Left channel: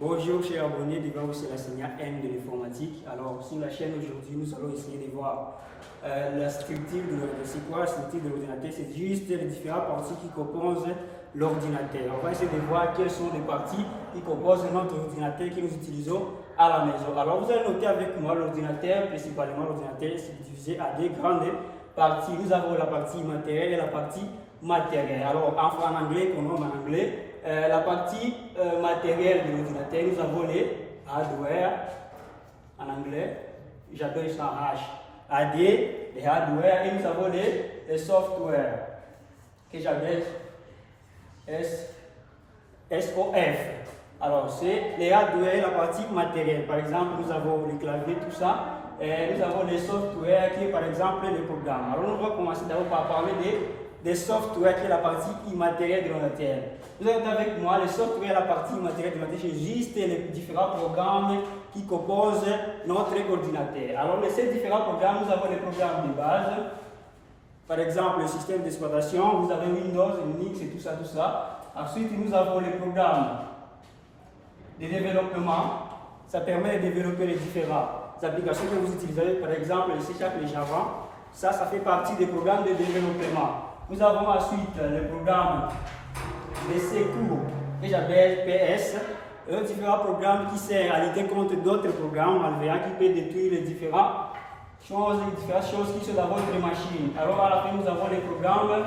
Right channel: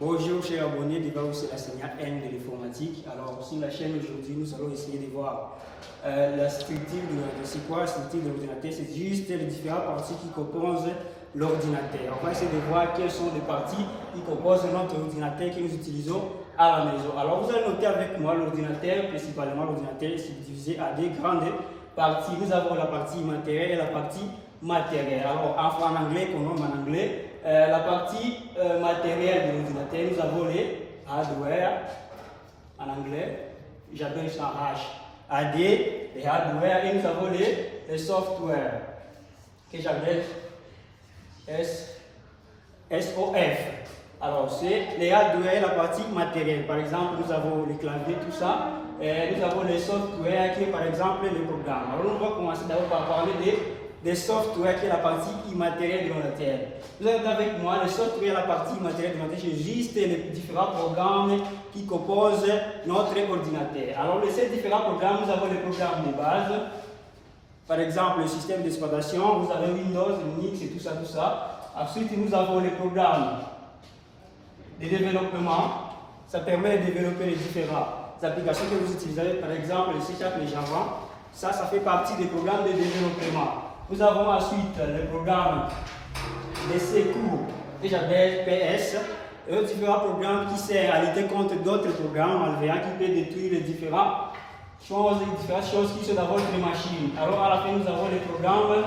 Bonjour chers abonnés, devant vous c'est l'enseignant N de l'informatique. Alors sur la chaîne aujourd'hui, nous allons essayer de voir la structure de l'ordinateur. C'est quoi la structure de l'ordinateur? C'est juste les différentes parties qui composent l'ordinateur. On va essayer de voir quelles sont les parties qui composent notre ordinateur que nous utilisons à la maison. Alors vous allez noter avec moi l'ordinateur, principalement l'ordinateur c'est divisé à deux grandes parties. Nous avons la partie matérielle et la partie matérielle. Alors en anglais, qu'on nomme en anglais, la partie matérielle de l'ordinateur, nous avons les hardware, en anglais, j'appelle ça HAD, les hardware, et nous avons les software, que j'appelle SOF. Alors, c'est les hardware, la partie matérielle. Par exemple, nous avons les claviers, tout ça, et nous avons les software qui est par exemple les programmes. Alors, on va commencer d'abord par parler des software qui est la partie immatérielle de l'ordinateur. Vous avez avec moi les software, la partie immatérielle de l'ordinateur, c'est juste les différents programmes qui composent notre ordinateur. Alors, ces différents programmes, nous avons les programmes de base, par exemple le système d'exploitation, vous avez Windows, Linux et tout ça, tout ça. Ensuite, nous avons les programmes de développement, ça permet de développer les différentes applications que vous utilisez, par exemple le C# et Java, ça fait partie des programmes de développement. Nous avons ensuite le programme de secours que j'appelle PS, différents programmes qui servent à lutter contre d'autres programmes malveillants qui peuvent détruire les différentes choses qui sont dans votre machine. Alors à la fin, nous avons les programmes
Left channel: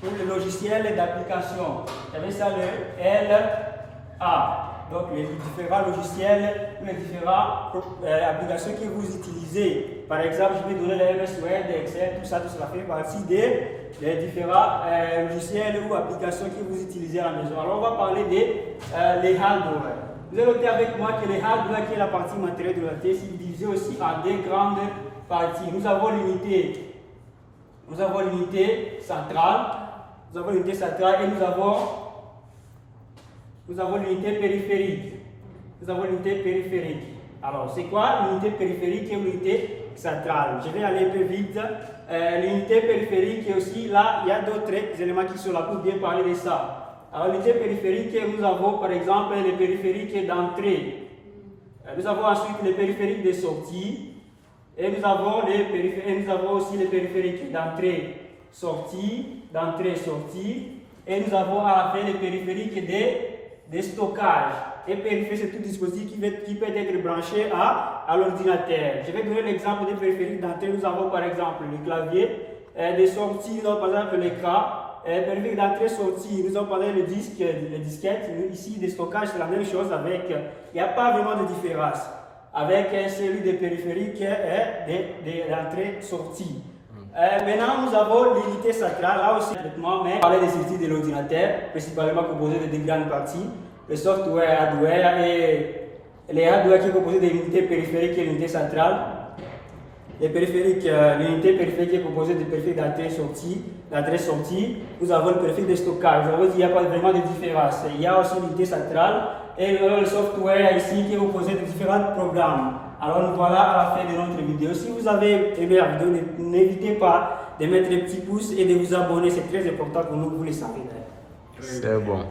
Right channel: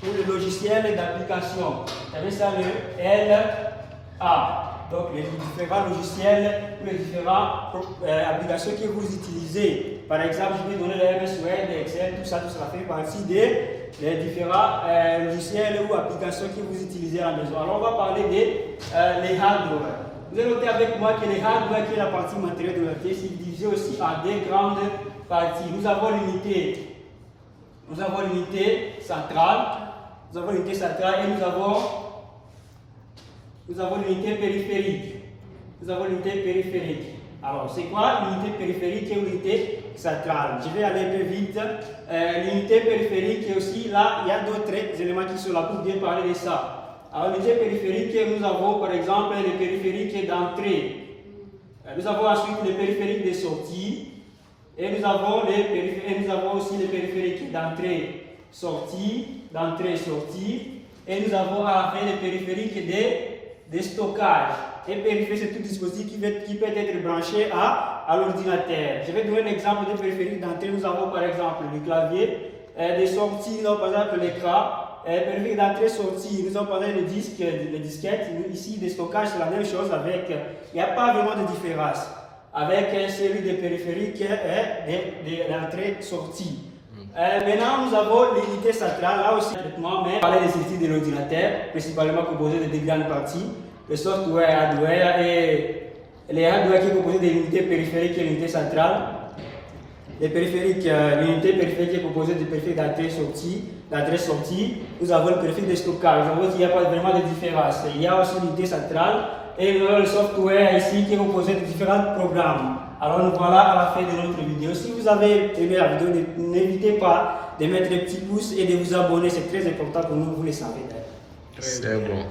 pour le logiciel d'application. Vous avez ça le LA. Donc les différents logiciels ou les différentes applications que vous utilisez. Par exemple, je vais donner le MS Word, Excel, tout ça fait partie des différents logiciels ou applications que vous utilisez à la maison. Alors on va parler des hardware. Vous allez noter avec moi que les hardware, qui est la partie matérielle de la tête, c'est divisé aussi en deux grandes parties. Nous avons l'unité centrale, et nous avons l'unité périphérique. Alors, c'est quoi l'unité périphérique et l'unité centrale? Je vais aller un peu vite. L'unité périphérique, et aussi là, il y a d'autres éléments qui sont là pour bien parler de ça. Alors, l'unité périphérique, nous avons par exemple les périphériques d'entrée. Nous avons ensuite les périphériques de sortie. Et nous avons aussi les périphériques d'entrée-sortie. Et nous avons à la fin les périphériques de stockage. Et périphérique, c'est tout dispositif qui peut être branché à l'ordinateur. Je vais donner l'exemple des périphériques d'entrée. Nous avons par exemple le clavier, de sortie, nous avons par exemple l'écran. Périphérique d'entrée-sortie, nous avons parlé des disques, les disquettes. Ici, des stockages, c'est la même chose avec. Il n'y a pas vraiment de différence avec celui des périphériques d'entrée-sortie. Maintenant, nous avons l'unité centrale, là aussi, traitement, mais parler des outils de l'ordinateur, principalement composés de deux grandes parties, le software, hardware et les hardware qui sont composés de l'unité périphérique et l'unité centrale. Les périphériques, l'unité périphérique est composée de périphériques d'entrée-sortie. Nous avons le périphérique de stockage. Vous voyez qu'il n'y a pas vraiment de différence. Il y a aussi l'unité centrale et le software ici qui est composé de différents programmes. Alors nous voilà à la fin de notre vidéo. Si vous avez aimé la vidéo, n'hésitez pas de mettre un petit pouce et de vous abonner. C'est très important pour nous, vous le savez. C'est bon.